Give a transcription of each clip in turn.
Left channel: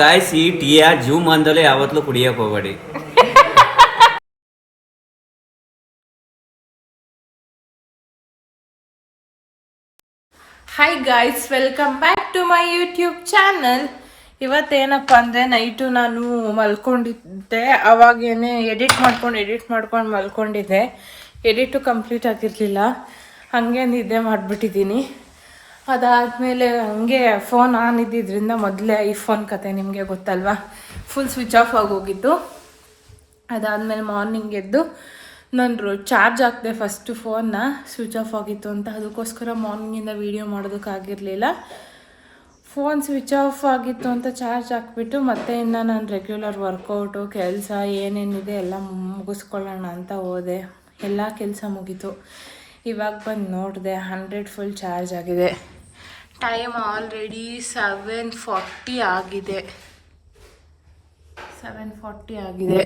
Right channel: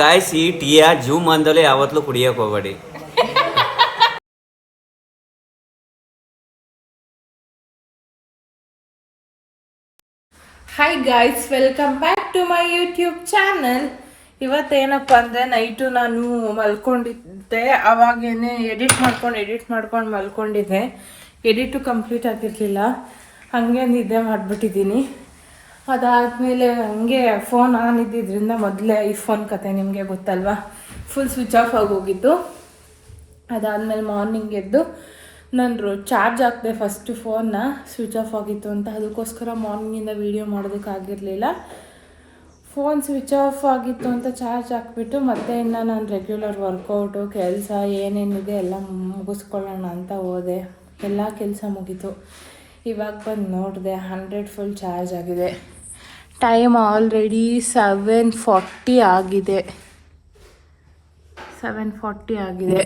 Guys ಈ ಟೀಯ zoom ಅಂದಲೇ ಯಾವತ್ತೂ ಕುಡಿಯಕ್ಕೆ ಹೋಗಬೇಡಿ. Hi guys, welcome back to my YouTube channel. ಇವತ್ತೇನಪ್ಪ ಅಂದರೆ ನೈಟು ನಾನು ಮಲ್ಕೊಂಡಿದ್ದೆ. ಅವಾಗೇನೆ ಎಡಿಟ್ ಮಾಡ್ಕೊಂಡು ಮಲ್ಕೊಂಡಿದ್ದೆ. ಎಡಿಟು ಕಂಪ್ಲೀಟ್ ಆಗಿರಲಿಲ್ಲ, ಹಾಗೆ ನಿದ್ದೆ ಮಾಡಿಬಿಟ್ಟಿದ್ದೀನಿ. ಅದಾದಮೇಲೆ ಹಂಗೆ ಫೋನ್ ಆನ್ ಇದ್ದಿದ್ದರಿಂದ ಮೊದಲೇ ಐಫೋನ್ ಕತೆ ನಿಮಗೆ ಗೊತ್ತಲ್ವಾ, ಫುಲ್ ಸ್ವಿಚ್ ಆಫ್ ಆಗೋಗಿತ್ತು. ಅದಾದಮೇಲೆ ಮಾರ್ನಿಂಗ್ ಎದ್ದು ನಾನು ಚಾರ್ಜ್ ಹಾಕಿದೆ ಫಸ್ಟು ಫೋನ್ನ, ಸ್ವಿಚ್ ಆಫ್ ಆಗಿತ್ತು ಅಂತ. ಅದಕ್ಕೋಸ್ಕರ ಮಾರ್ನಿಂಗಿಂದ ವೀಡಿಯೋ ಮಾಡೋದಕ್ಕಾಗಿರಲಿಲ್ಲ. ಫೋನ್ ಸ್ವಿಚ್ ಆಫ್ ಆಗಿತ್ತು ಅಂತ ಚಾರ್ಜ್ ಹಾಕ್ಬಿಟ್ಟು ಮತ್ತೆ ಇನ್ನು ನಾನು ರೆಗ್ಯುಲರ್ ವರ್ಕೌಟು ಕೆಲಸ ಏನೇನಿದೆ ಎಲ್ಲ ಮುಗಿಸ್ಕೊಳ್ಳೋಣ ಅಂತ ಹೋದೆ. ಎಲ್ಲ ಕೆಲಸ ಮುಗೀತು. ಇವಾಗ ಬಂದು ನೋಡಿದೆ 100 ಫುಲ್ ಚಾರ್ಜ್ ಆಗಿದೆ. ಟೈಮ್ ಆಲ್ರೆಡಿ 7:40 ಆಗಿದೆ. 7:40 ಆಗಿದೆ.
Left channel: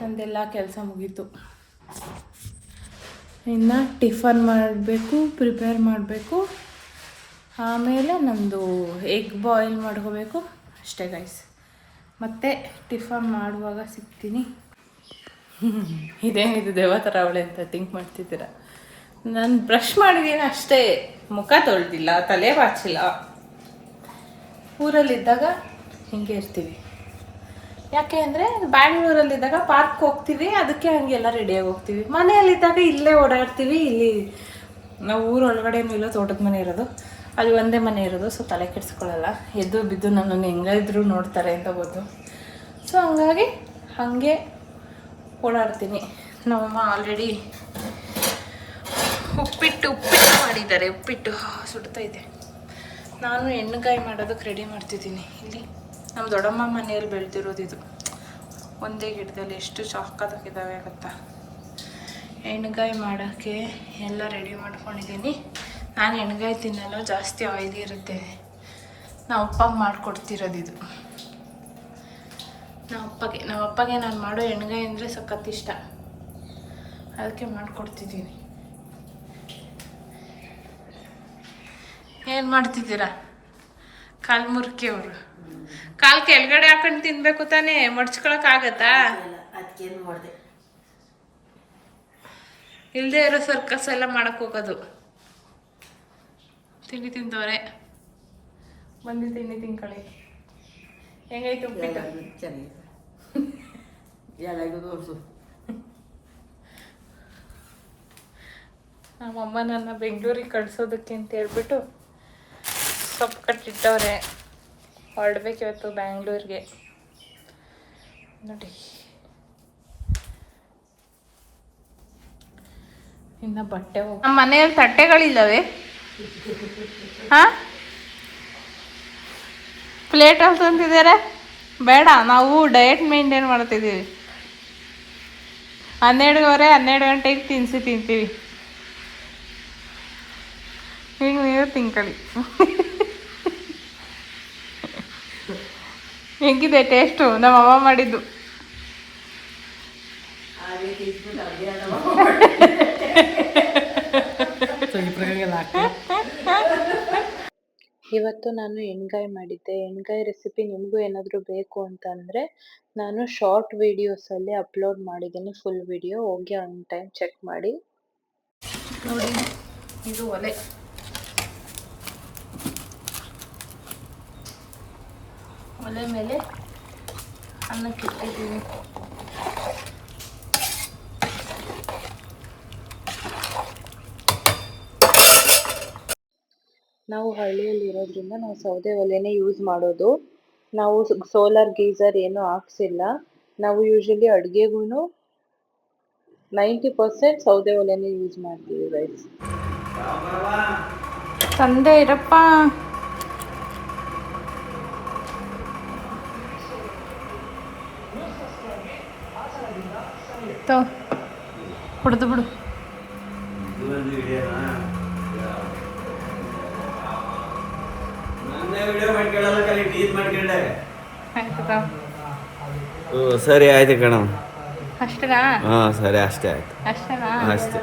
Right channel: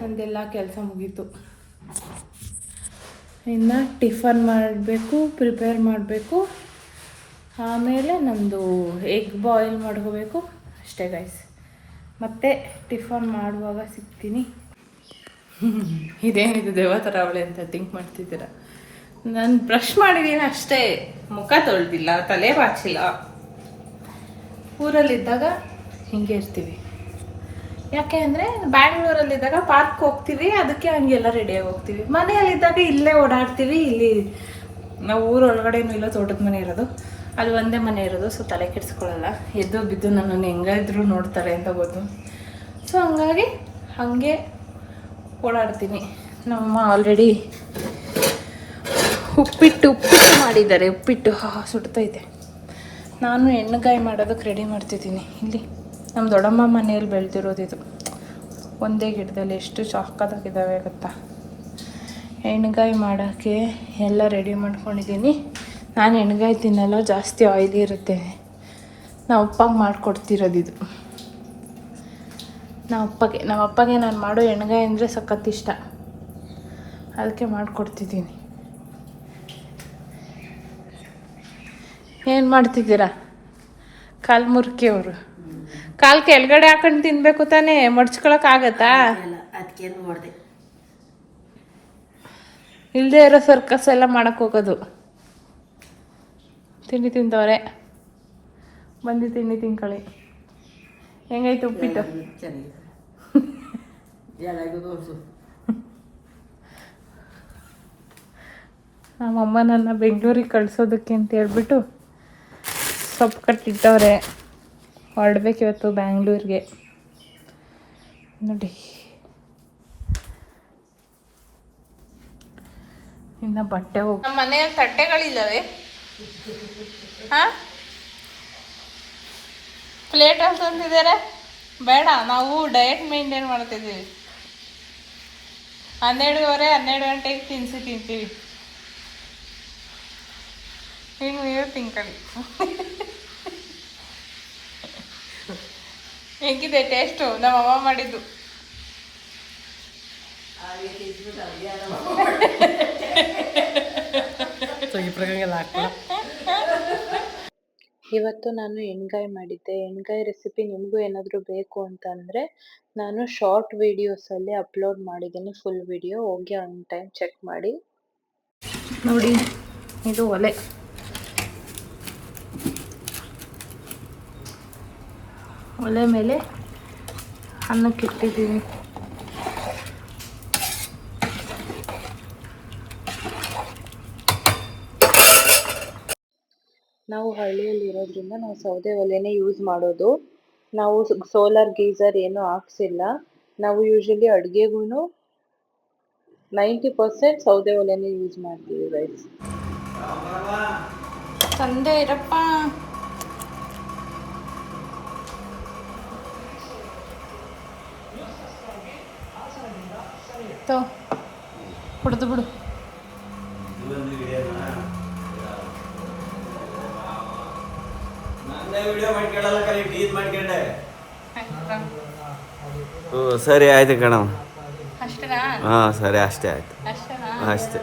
ನಂದೆಲ್ಲ ಕೆಲಸ ಮುಗೀತು. ಇನ್ನು ಟಿಫನ್ ಪ್ರಿಪೇರ್ ಮಾಡಬೇಕು. ಆಮೇಲೆ ನಂದು ಎಗ್ ಬಾಯ್ಲ್ ಮಾಡ್ಕೋಬೇಕು ಅಷ್ಟೇ ಗೈಸ್. ಮತ್ತೆ ಟಿಫನ್ ಮಾಡುವಾಗ ಸಿಗ್ತೀನಿ. ಇದೇನಿದು ದೇವ ಥರ ಅವಳೆ ಅಂತ ಥಿಂಕ್ ಮಾಡ್ತಿದ್ದೀರ. ನಾನು ಬ್ರಷ್ ಮಾಡಿದ್ದೀನಿ ಅಷ್ಟೇ, ಮುಖ ತೊಳೆದಿಲ್ಲ, ತಲೆ ಬಾಚಿಲ್ಲ. ಊರಲ್ಲಿದ್ದಾಗ ಹಿಂಗೆ ಇರ್ತೀವಿ. ಯಾಕೆ ಅಂದರೆ ಬ್ಯಾಂಗ್ಳೂರಲ್ಲಿದ್ದಾಗ ಪಾರ್ಕ್ ಹೋಗ್ತೀವಿ, ಅದಕ್ಕೆ ಹಂಗೆಲ್ಲ ರೆಡಿಯಾಗಿ ಹೋಗ್ತೀವಿ. ಮನೆಯಲ್ಲಿದ್ದಾಗ ಇಲ್ಲೇ ಓಡಾಡ್ತೀವಿ. ಇಲ್ಲಿ ನಾವು ಊರೊಳಗಡೆನೂ ಇಲ್ಲ, ತೋಟದ ಮನೆ ಇರೋದು, ಅಲ್ಲಿ ಒಂದೇ ಮನೆ ಇರೋದು. ಸೊ ತಲೆ ಕೆಡಿಸ್ಕೊಳ್ಳಲ್ಲ. ಎದ್ದು ಬಿದ್ದು ನನ್ನನ್ನು ಹೆಂಗಿದ್ರು ನೋಡ್ತಾರೆ ಅಂತ ಗೊತ್ತು. ಸೊ ಹಂಗಾಗಿ ಹಾಗೆ ಓಡಾಡ್ತೀನಿ. ನಮ್ಮಮ್ಮ ಆಲ್ರೆಡಿ ಉಪ್ಪಿಟ್ಟು ಮಾಡಿದ್ದಾರೆ. ಉಪ್ಪಿಟ್ಟು ಸುಡ್ತೈತೆ. ನಾನು ಎಣ್ಣೆಕಾಯಿ ಮಾಡೋದಕ್ಕೆ ರೆಡಿ ಮಾಡ್ತಿದ್ದೀನಿ. ಇಲ್ಲಿ ನಮ್ಮ ದೊಡ್ಡಮ್ಮ ಮನೆಯಲ್ಲಿ ಬೆಳೆದಿರೋದಿದು, ಒಂದೇ ಗಿಡದಲ್ಲಿ ಎಷ್ಟು ಚಾಕದಾಗಿದ್ದಾವೆ ಗೊತ್ತಾ. ಎಣ್ಣೆಕಾಯಿ ಮಾಡೋಕ್ಕೆ ಎಲ್ಲ ರೆಡಿ ಮಾಡ್ಕೊಂಡಿದ್ದೀನಿ. ನಾನು ಎಣ್ಣೆಕಾಯಿ ತಿನ್ನಲ್ಲ, ಜಾಸ್ತಿ ಆಯ್ಲಿ ಇರುತ್ತೆ. ನಮ್ಮ ಅಪ್ಪಗೆ ಮಾಡಿಕೊಡ್ತಿರೋದಿದು. ನಮ್ಮ ಅಪ್ಪಗೆ ನಾನು ಮಾಡೋ ಎಣ್ಣೆಕಾಯಿ ಅಂದರೆ ಸಖತ್ ಇಷ್ಟ, ಅದಕ್ಕೆ ಮಾಡಿಕೊಡ್ತಿದ್ದೀನಿ. ಏನು ಮಾಡ್ತಿದ್ದೀರಾ? ಕಾಲು ಮುರ್ಕಿ ಅವರು ಕಾಲು ಕೆಳಗಡೆ ಹಾಕೊಂಡು ತಿನ್ಬೇಕು ತಾನೇ, ಮಡ್ಚ್ಕೊಳಕ್ಕಾಗತ್ತಾ? ಅದಕ್ಕೇನು ಮಾಡಿದೆ ಇಲ್ಲದೆ ಇರೋ ಸರ್ಕಸ್ ಎಲ್ಲ ಮಾಡಕ್ಕೆ ಹೋಗೋದು. ತಿಂಡಿ ತಿಂತವ್ರೆ, ಬಂದು ತಿಂಡಿ ತಿನ್ಕೊಳ್ಳಿ. ಹೆಂಗೈತೆ ಉಪ್ಪಿಟ್ಟು? ಚೆನ್ನಾಗಿದೆ. ಎಲ್ಲರಿಗೂ ತೋರಿಸು. ನಮ್ಮಮ್ಮ ನನ್ನ ಬೆಂಗಳೂರಿಗೆ ಕಳಿಸೋದಕ್ಕೆ ಅಂತ ಹೇಳ್ಬಿಟ್ಟು ಸೊಪ್ಪು ಕಟ್ಟಿಟ್ಟವ್ರೆ. ಹೊರಡ್ಬೇಕು ಇವತ್ತು ಬ್ಯಾಂಗ್ಳೂರಿಗೆ. ನೋಡಿ, ಇನ್ನು ಬಟ್ಟೆ ಹೋಗಿ ನಮ್ಮ ಮನೆಯಲ್ಲಿ ತಟ್ಟೆಗಳಿಲ್ಲವೇ? ಹಾಂ, ಪ್ಲೇಟ್ ಹೌಸ್ ಅಂತಿದ್ದಾರೆ. ಬೇಡ, ನಾವು ಡಯಟ್ ಮೇಂಟೈನ್ ಮಾಡ್ತಿದ್ದೀವಿ. 12 ಗಂಟೆಗೆ ತಿಂತೀವಿ. ಈಗ ನೀವು ತಿನ್ಕೊಳ್ಳಿ. ಹೆಂಗಿದೆ ಟೇಸ್ಟು? ನಮ್ಮ ಅಮ್ಮ ಮಾಡಿದ್ದು. ಇವತ್ತು ನಾನು ಎಣ್ಗಾಯಿ ಮಾಡಿದ್ದೆ. ಎಣ್ಗಾಯಿ ರೆಸಿಪಿ ನಿಮಗೂ ಏನಾದರೂ ಬೇಕು ಅಂತಂದರೆ ನಾನು ಶಾರ್ಟ್ ವಿಡಿಯೋಸಲ್ಲಿ ಅಪ್ಲೋಡ್ ಮಾಡಿದ್ದೀನಿ. ಫುಲ್ ವಿಡಿಯೋ ಹೋಗಿ ಒಂದು ಟೈಮ್ ಚೆಕ್ ಮಾಡಿ. ನೋಡಿ, ಇದು ಒಲೆ. ಒಲೆ ಮೇಲೆ ಅನ್ನಕ್ಕೆ ಇಟ್ಟಿದ್ದೀನಿ. ನಾವು ಹಳ್ಳಿಯಲ್ಲಿ ಇರೋದ್ರಿಂದ ನಾವು ಸೌದೆ ಒಲೆನೇ ಯೂಸ್ ಮಾಡೋದು. ನಾವು ಸೋಲಾರ್ ಗೀಸರ್ ಏನೂ ಹಾಕ್ಸಿಲ್ಲ. ನಾವು ಯೂಶಲಿ ಅಡುಗೆಗೂ 90% ಸೌದೆ ಒಲೆನೇ ಯೂಸ್ ಮಾಡ್ತೀವಿ ಗೈಸ್. ತಂದೆ ಇರಪ್ಪ. ಕುಡ್ದು ಬಿಡು. ಸರಿ ಆಯ್ತು ಕಣ. ಅಷ್ಟೇನಾ? ಹಾಂ ಸರಿ, ಅಷ್ಟೇ ಆಯ್ತು. ಅಷ್ಟೇನಾ? ಅಷ್ಟೇ.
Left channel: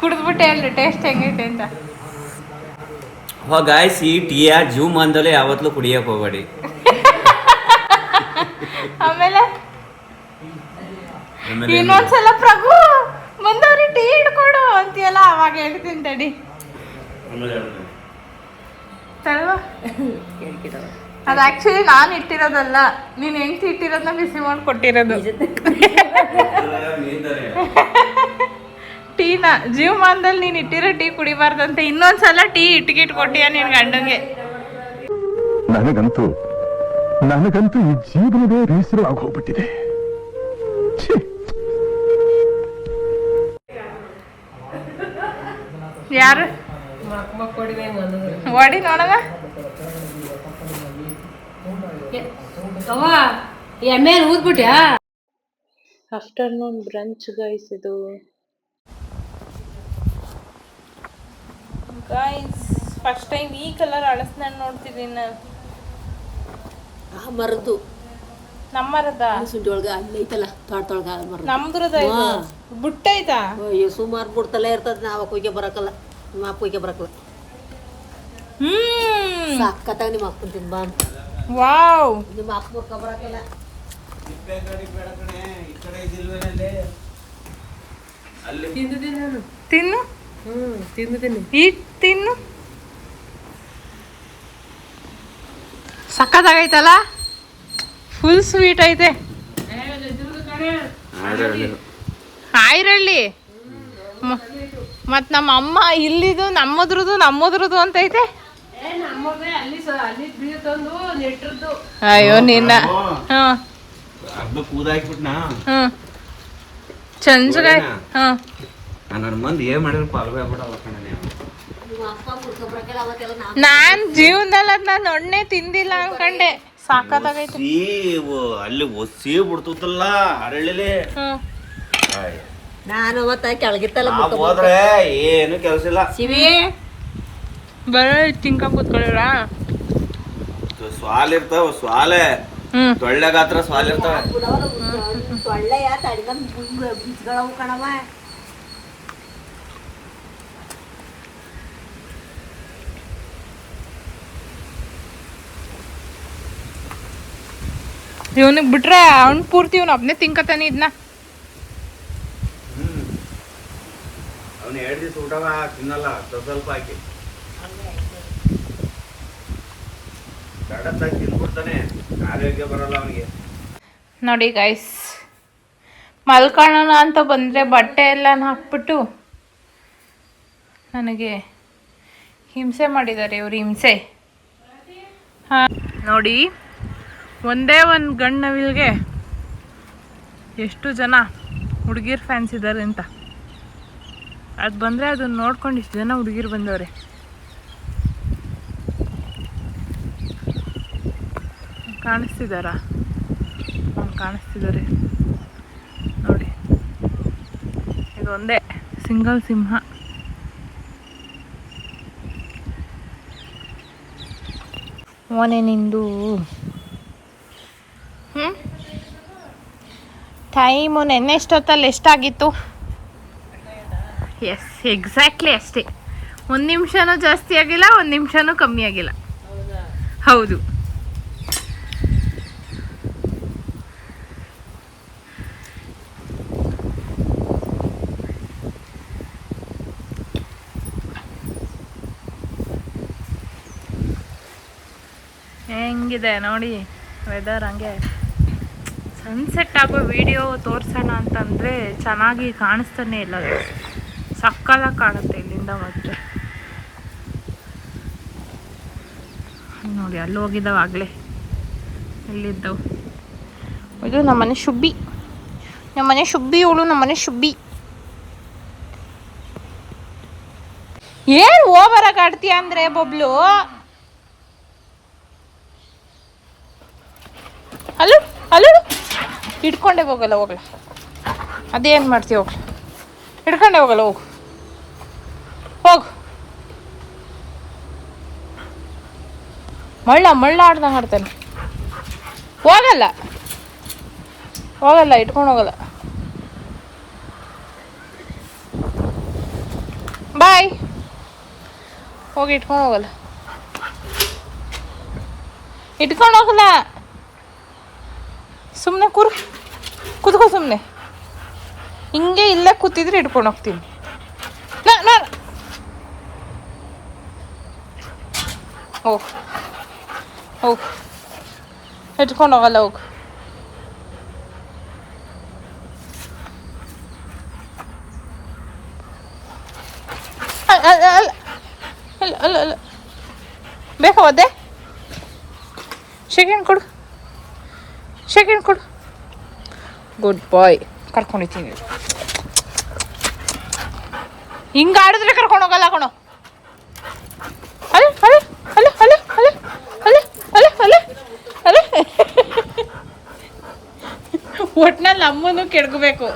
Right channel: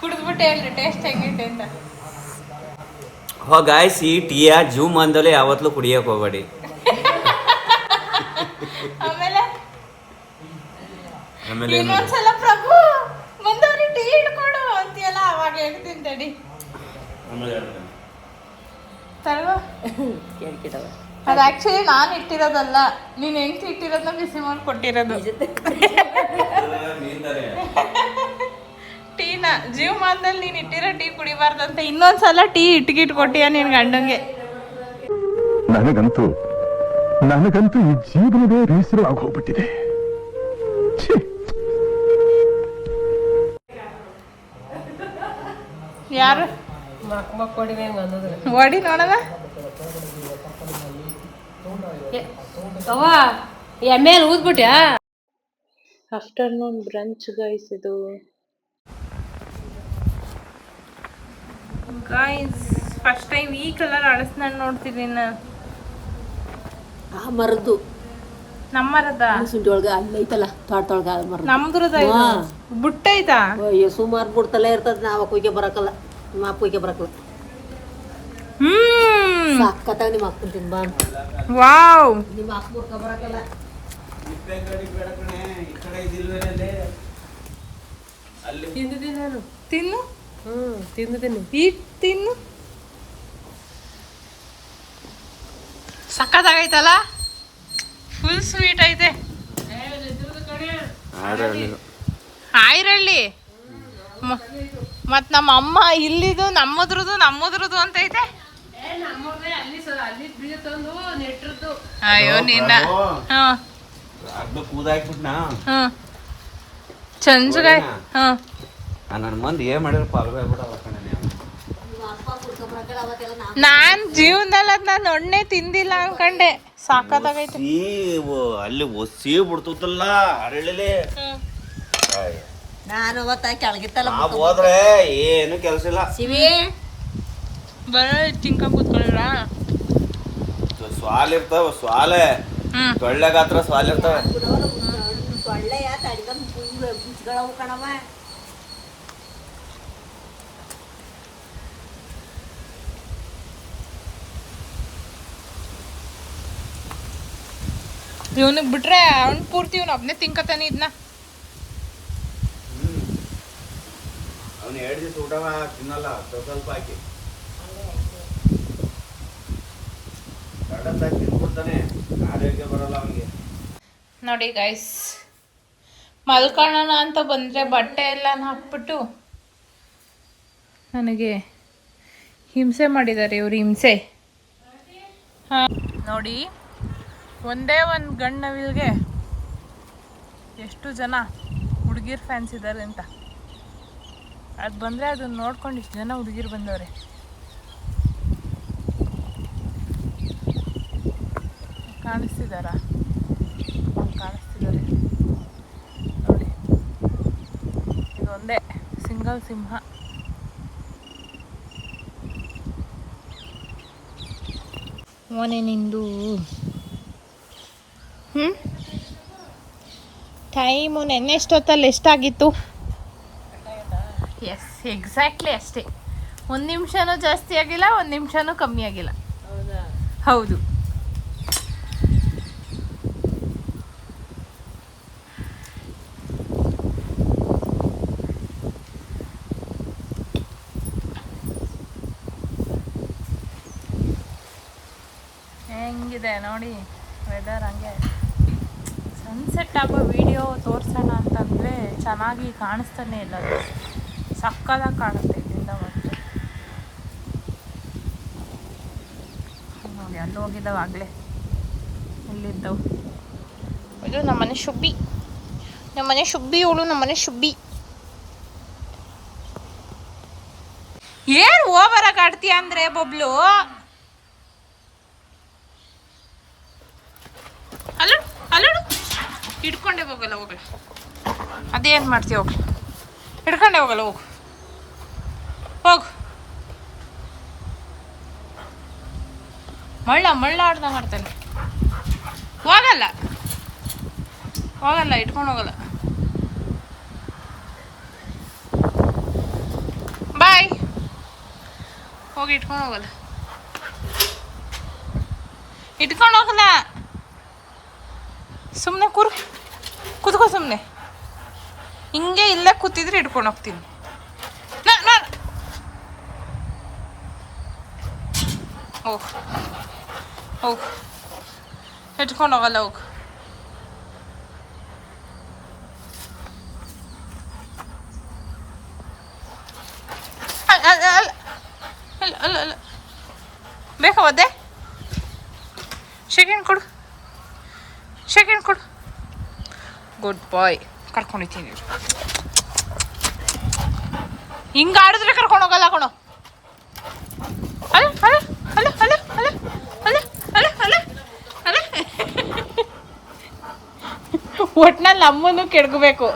ಕುಡಿದ್ಬಿಟ್ಟೆ ಅಲ್ಲ, ಟೇಸ್ಟ್ ಹೆಂಗೈತೆ ಅಂತ. ಗಾಯ್ಸ್ ಈ ಟೀಯ ಜೂಮ್ ಅಂದಲೇ ಯಾವತ್ತೂ ಕುಡಿಯಕ್ ಹೋಗ್ಬೇಡಿ. ಆಮೇಲೆ ಆಮೇಲೆ ಇನ್ನೊಂದ್ಸಲ ಪ್ರಭು ಮುಂದವ್ರಿ ಟೀ ಹಿಡ್ಕೊಡು ಅಂತೀಯಲ್ಲ ಅವಾಗ ಹೇಳ್ತೀನಿ ತಡಿ. ತಳ್ವ. ಅದು ಆಕ್ಚುಲಿ ನಾನು ಇಟ್ಟಿರೋದಲ್ಲ, ನೀನ್ ಹೆಂಡ್ತಿ ಇಟ್ಟಿರೋದನ್ನ ಬಿಸಿ ಮಾಡಿ ಕೊಟ್ಟಿರೋದು. ಟೀನ ಜೀವಮಾನದಲ್ಲಿ ನೀನ್ ಇಟ್ಟಿರೋ ಟೀ ಕುಡಿಬಾರ್ದಂತ ಇನ್ನೊಂದ್ಸಲ ಟೀ ಇಟ್ಗಿಟ್ ಕೊಟ್ಟಿಯ ನಿನ್ ಗಂಡಂಗೆ. ನನಗಂತೂ ಈ ಜೀವನವೇ ಬೇಸರ ಆಗೋಗ್ಬಿಟ್ಟಿದೆ. ಯಾರು ಓಡಿ ನೋಡವ ಎಮ್ಮೆ ಊದ್ಬಿಟ್ಯಾ. ಆಫ್ಟರ್ನೂನ್ ಬ್ರಂಚ್ ಗೈಸ್ ಇದು. ಗೈಸ್ ಫಸ್ಟ್ ಟೈಮ್ ಈ ಕಲರ್ ಅಳಸ್ನ ನೋಡ್ತಿದ್ದೀನಿ ನಾನು. ಆ ಮರದ್ದು ನಮ್ಮರದ ಸುಂಡಿ ಒಳಗ ಅಲ್ಲಿ ಐತಲ್ಲ ತೋಟದೊಳಗ ಮರ ನಮ್ದ್ರದ ಬುಟ್ಟ ಐತಾ. ಅಯ್ಯೋ ಸುಮಾರು ಬುಡ್ತಲೇ ಇರ್ತದ. ನಾವ ಕುಯ್ಕೆ ಬರಕಲ್ಲ, ನಿಮ್ಮ ಅಪ್ಪ ಕುಯ್ಕೆ ಬರಕಲ್ಲ. ಸಾಕತ್ತಾಗ ನಿಮ್ಮ ಅಪ್ಪನ ತಿನ್ಬಾ. ವಾವ್ ನಿಮ್ಮ ಅಪ್ಪ ಮುರ್ಕ ಬರಕಲ್ಲ. ತಿನ್ನು ತಿಂದಿದ್ದೀನಿ. ಈ ತಿನ್ನು. ಸಕ್ಕತ್ತಾಗೈತಲ್ಲ, ಫುಲ್ ಸ್ವೀಟ್ ಐತೆ. ಆಯ್ರಳ್ಳಿ ಮತ್ ನಮ್ಮ ಅಮ್ಮ ಇಲ್ಲಿದು ನಮ್ಮದ್ರದ್ದು ಅಂತ ಐತೆ. ಅಯ್ಯೋ ನಿನ್ನ ಚಂಚಗ ನನ್ನ ಮಂದಿ ಏನ್ ಮಾಡಿದ್ರೆ ಪಾಲ್ವೆ ನಾನ್ ಜೀವನದಲ್ಲಿ ಅದ್ ನಾನು ಒಣ್ಣೆ ತಿಂದಿಲ್ಲ ಅನ್ಕಂಡೆ. ಸಾಕತ್ತಾಗೈತೆ. ಅಲ್ಲಿ ಒಸಿ ಬಿಡ್ತಲ್ಲ ಹರಳಿಲೆ. ನಾನು ಅವತ್ತ ಕೆಳಗಿತ್ತಲ್ಲ ಹೋದ್ರೆ ಏನು ಕೆಲಸ ಇಲ್ಲ. ಸಿವಿ ಬರೋ ತಿನ್ಕ ಕೂತ್ಕೊಳ್ಳಿರ. ಸ್ವಾಲ್ ಇರ್ತಾವ, ಸ್ವಾಲೆ ತೊಳ್ಳೆ ಗಾತ್ರ ಸ್ವಾಲ್ ಇರ್ತಾವ. ಒಳ್ಳೆಯ ತಡಿಗನ್ ಬೀಜಗಳವು ಕಣವ. ಇವನಿಗೆ ಬಿಟ್ರೆ ಅವ್ನ್ ಪೂರ್ತಿ ಇವ್ನು ಒಬ್ನೇ ತಿನ್ಕತಾನೆ ಇದನ್ನ. ಅವ್ನು 2 ದಿವಸ ಊಟ ತಿನ್ನಲ್ಲ, ಸ್ವಲ್ಪ ಹಾಕಿ ತಿನ್ಬಿಡ್ತಾನೆ, ಆರೋಗ್ಯ ಬರಲ್ಲ ಅವನಿಗೆ. ನೋಡಿ ಗೈಸ್, ಮಲ್ಕೊಳ್ಳೋಣ ಅಂತ ಬಂದರೆ ಬಟ್ಟೆ ಎಲ್ಲ ಹಾಕ್ಬಿಟ್ಟು ನನಗೆ ಹಿಂಸೆ ಮಾಡಿದ್ದಾರೆ ಇವರು. ಹಿಂಸೆ ಹಾಂ ನೋಡಿ, ಒಂದೇ ಒಂದು ಗಂಡು ನವಿಲ್ಗೆ ಎಷ್ಟು ಜನ ಹುಡುಗಿರ್ ಫ್ಯಾನ್ಸ್ ಇದ್ದಾರೆ ಅಂತ. ಅದು ಬಂದರೆ ಅದನ್ನ ನೋಡ್ಕೊಂಡು ಇಷ್ಟು ಜನ ಹುಡುಗಿರು ಬಂದವ್ರೆ. ಕಾಣಿಸ್ತಿದ್ದಾರಾ? ಕಾಣಿಸ್ತಿದ್ದಾರೆ ನೋಡಿ. ಇದೊಂದೇ ಸಿಂಗಲ್ ಸಿಂಹ. ಮೊನ್ನೆ ನಿಂದು ಟೈಮು ನೆನ್ನೆ ಎಷ್ಟೊತ್ತಲ್ಲಿ ಎಷ್ಟಾಗಿತ್ತು? ಎಸ್, ಎಕ್ಸಾಕ್ಟ್ಲಿ ಅಷ್ಟೇ. 1 ನಿಮಿಷನೂ ಜಾಸ್ತಿ ಆಗಿಲ್ಲ, 1 ನಿಮಿಷನೂ ಕಮ್ಮಿ ಆಗಿಲ್ಲ. ಹೌದು. ಹೆಂಗಿದೆ ನೋಡಿ ವೆದರ್. ಹಂಗೆ ಸನ್ಸೆಟ್ ಆಗೋ ವಿಡಿಯೋ ತೋರಿಸೋಣ ಅಂತಂದರೆ ಚೆನ್ನಾಗಿ ಕಾಣಿಸ್ತಾನೆ ಇಲ್ಲ. ಅದು ಸಕ್ಕದಾಗಿ ಕಾಣುತ್ತೆ ಇಲ್ಲಿಂದ. ಮತ್ತೆ ನೋಡಿ ಅಲ್ಲಿ ಹೋಗಿದ್ದಾವೆ ಆಗಲೇ. ಎಲ್ಲಿದ್ದವು? ಇದು ನಮ್ಮನೆ ಶುಬ್ಬಿ. ನಮ್ಮನೆ ಶುಬ್ಬಿ ಇವಳು. ನಮ್ಮನೆ ಶುಬ್ಬಿ ಏನು ಓವರಾಗಿ ಆಡ್ತೀಯ ಅಂದರೆ ಬಬ್ಲು. ಅಲ್ಲೂ ಅಲ್ಲೂ ಹಿಡ್ಕೊಂಡೆ ಹೋಗಲ್ಲ. ಹೋಗಲ್ಲ, ಅದೇನು ಮಾಡ್ತೀವಿ? ಹೋಗಲ್ಲ, ಹಿಡ್ಕೊಂಡೆ ಹೋಗಲ್ಲ. ಹೋಗು ಹೋಗು. ಮಳ್ಳ ಆಡ್ದಂಗೆ ಆಡ್ತಾನೆ. ಹೋಗಲ್ಲ ಹೋಗಲ್ಲ, ಇಟ್ಕೊಂಡು ಹೋಗಲ್ಲ. ಬಾಯ್. ಹೋಗಿ ಇಟ್ಕೊಂಡು ಹೋಗಲ್ಲ. ಇಟ್ಕೊಂಡು ಹೋಗಲ್ಲ. ಸುಮ್ಮನೆ ಕೂತ್ಕೋ ಸುಮ್ಮನೆ. ಹಿಂಗೆ ಇಲ್ಲೇ ಕೂತಿದ್ರೆ ಇಟ್ಕೊಂಡು ಹೋಗ್ತೀನಿ. ಹೋಗು ಇಟ್ಕೊಂಡು ಹೋಗಲ್ಲ. ಹೋಗು. ಅಲ್ಲ ಬೇಕಾ ಒದ್ದೆ? ಸೆಕೆಂಡ್ ಕೊಡು. ಗುಡ್ ಬಾಯ್. ಕರ್ಕೊಂಡಿದ್ದೀನಿ. ಹಿಂಗೆ ಆಡಿದ್ರೆ ಕರ್ಕೊಂಡು ಹೋಗಲ್ಲ ಕಣೋ. ಅಲ್ಲ ಒಟ್ನಲ್ಲಿ ಅಮ್ಮನೂ ಕೆಡ್ಕೋಬೇಕು.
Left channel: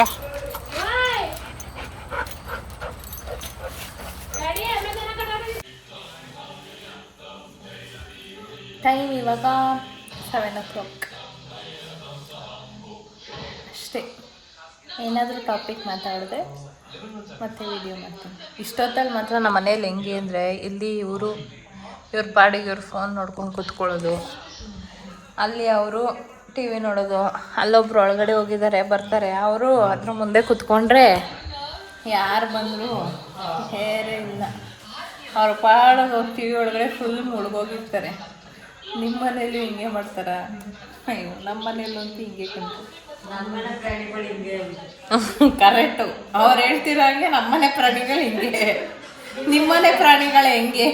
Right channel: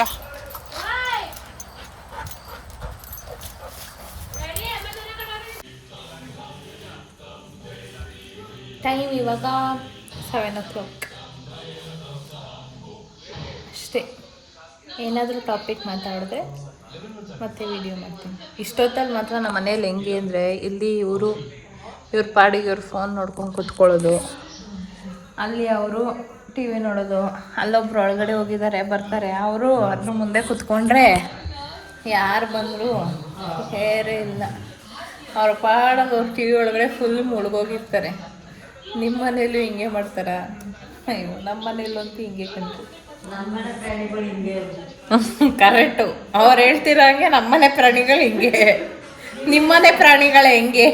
ಬಾ. ಟೈಮ್ ಇವಾಗ 7 o'clock ಅಷ್ಟೇ. ಏನಾದರೂ ಟಾಪಿಕ್ ಮಾತಾಡಿದ್ರೆ ಮತ್ತೆ ವಿಡಿಯೋ ಮಾಡ್ತೀನಿ. ಇಷ್ಟೊತ್ತಲ್ಲಿ ಮಾತ್ರ ನಮ್ಮ ಮನೇಲಿ ಹೆಂಗೆ ಅಂದರೆ, ಇಲ್ಲಿ ಇವ್ರ ಪಾಡಿಗೆ ಇವ್ರು ಫೋನ್ ನೋಡ್ಕೊಂಡು ಕೂತ್ಕೊಳ್ಳೋದು, ಅಲ್ಲಿ ಅವರು ಟಿ ವಿ ನೋಡೋದು, ಅಲ್ಲೊಬ್ರು ಒಳಗಡೆ ಹೋಗಿದ್ದಾರೆ ಬರ್ತಾರೆ, ಅವರು ಅದ್ರ ಮುಂದೆ ಕೂತ್ಕೊಂಡ್ರೆ ಯಾರು ಬಂದರೂ ಹೇರೇ ಇಲ್ಲ. ಅವ್ರ ಪಾಡೋದು ಅವ್ರು ಟಿ ವಿ ಒಳಗಡೆ ಫುಲ್ ಮುಳುಗೋಗಿರ್ತಾರೆ. ನಿಮ್ಮ ಮನೇಲೂ ಹಿಂಗೆ ಮಾಡ್ತಾರ? ಅಯ್ಯೋ, ನಮ್ಮ ಮನೇಲಂತೂ ಹಿಂಗೆ ಕಂಡು ಕರೆಕ್ಟು. ಅವ್ರು ಹೇಳ್ತಿರೋ ಹಂಗೆ ನಮ್ಮನೆ ಪ್ರಾಣಿಗಳು ಹಿಂಗೆ, ನಿಮ್ಮನೆ ಪ್ರಾಣಿಗಳು ಹೆಂಗೆ?